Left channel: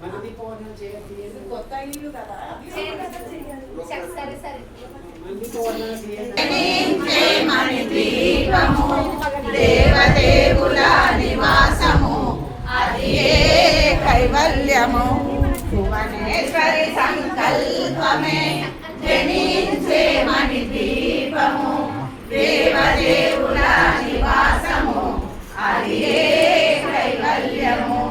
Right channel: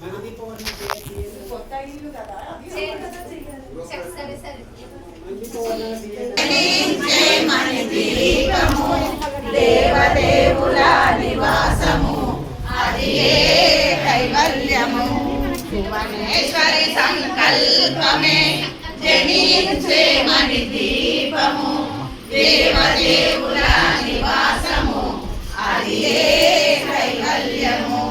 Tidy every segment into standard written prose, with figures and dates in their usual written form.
కొత్త ఇల్లు కదా సరే సరే దేవదేవుల నివాసము అది కైవల్యము భువనేశ్వరి సంకల్పమే జనించే మణి దీపము దేవదేవుల నివాసము అది కైవల్యము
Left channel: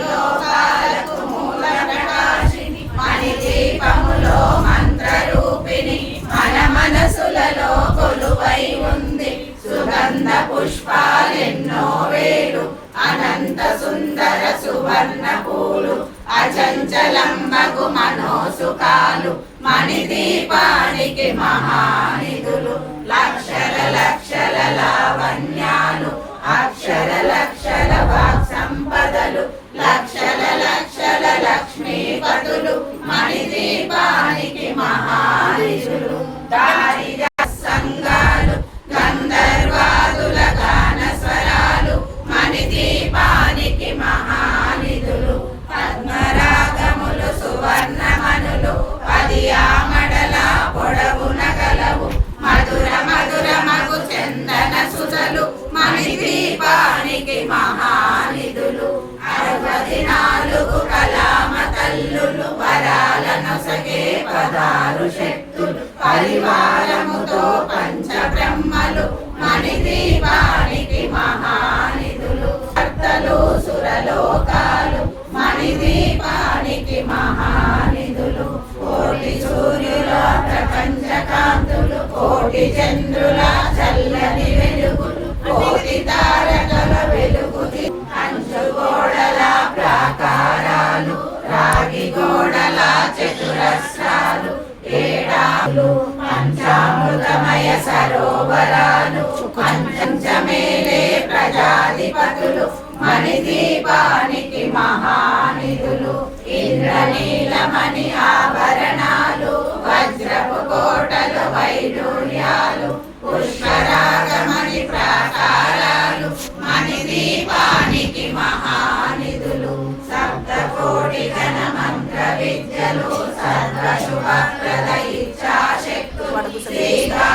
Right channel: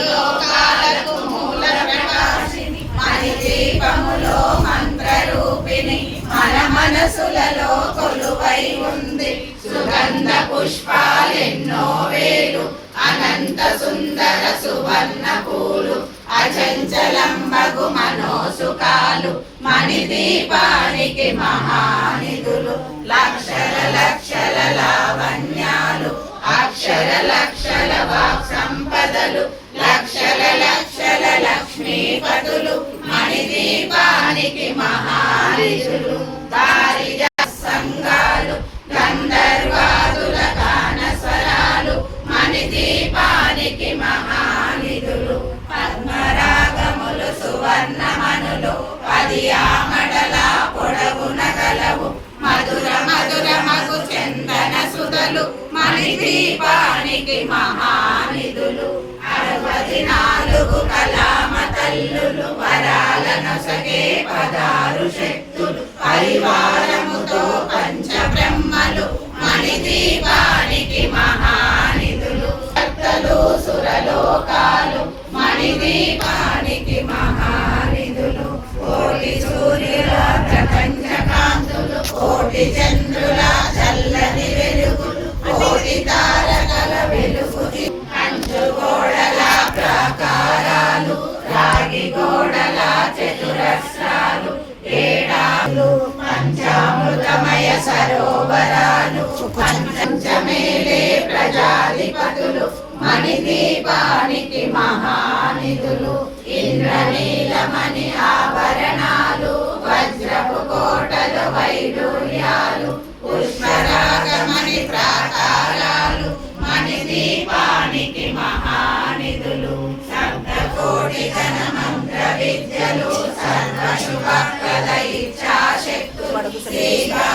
లోకాలకు మూల ప్రకాశిని మణి దీపములో మంత్రరూపిణి మన మనసులలో కొలువై ఉంది సుగంధ పుష్పాలెన్నో వేలు అనంత సుందర సువర్ణ పూలు అచంచలంబగు మనోసుకాలు మణి దీపానికి మహానిధులు లక్షల లక్షల లావణ్యాలు అక్షర లక్షల వాక్ సంపదలు లక్షల లక్షల లక్ష్మీపతులు మణి దీపానికి మహానిధులు దారిజ సంగాలు గంధర్వాదుల గాన స్వరాలు మణి దీపానికి మహానిధులు పద్మరాగములు సువర్ణమనులు 10 ఆమడల పొడవున గలవు మధుర మధుర మగు చందన సుధలు మణి దీపానికి మహానిధులు 64 కలామ తల్లులు వరాలను సగే 16 శక్తులు పరివారముతో పంచ బ్రహ్మలు మణి దీపానికి మహానిధులు భక్తలు సురలోకాలు మణి దీపానికి మహానిధులు కోటి సూర్యుల ప్రపంచ కాంతులు కోటి చంద్రుల చల్లని వెలుగులు కోటి తారకల వెలుగు కంచు గోడల ప్రాకారాలు రాగి గోడల చతురస్రాలు ఏడాలు పంచామృతమయ సరోవరాలు పంచమేలే ప్రజాధిపతులు మణి దీపానికి మహానిధులు ఇంద్రనీలమణి ఆభరణాలు వజ్రపు కోటలు వైడూర్యాలు పుష్పరాగమణి ప్రాకారాలు మణి దీపానికి మహానిధులు సప్తకోటి జన మంత్ర విద్యలు సర్వశుభప్రద ఇచ్ఛాశక్తులు శ్రీగా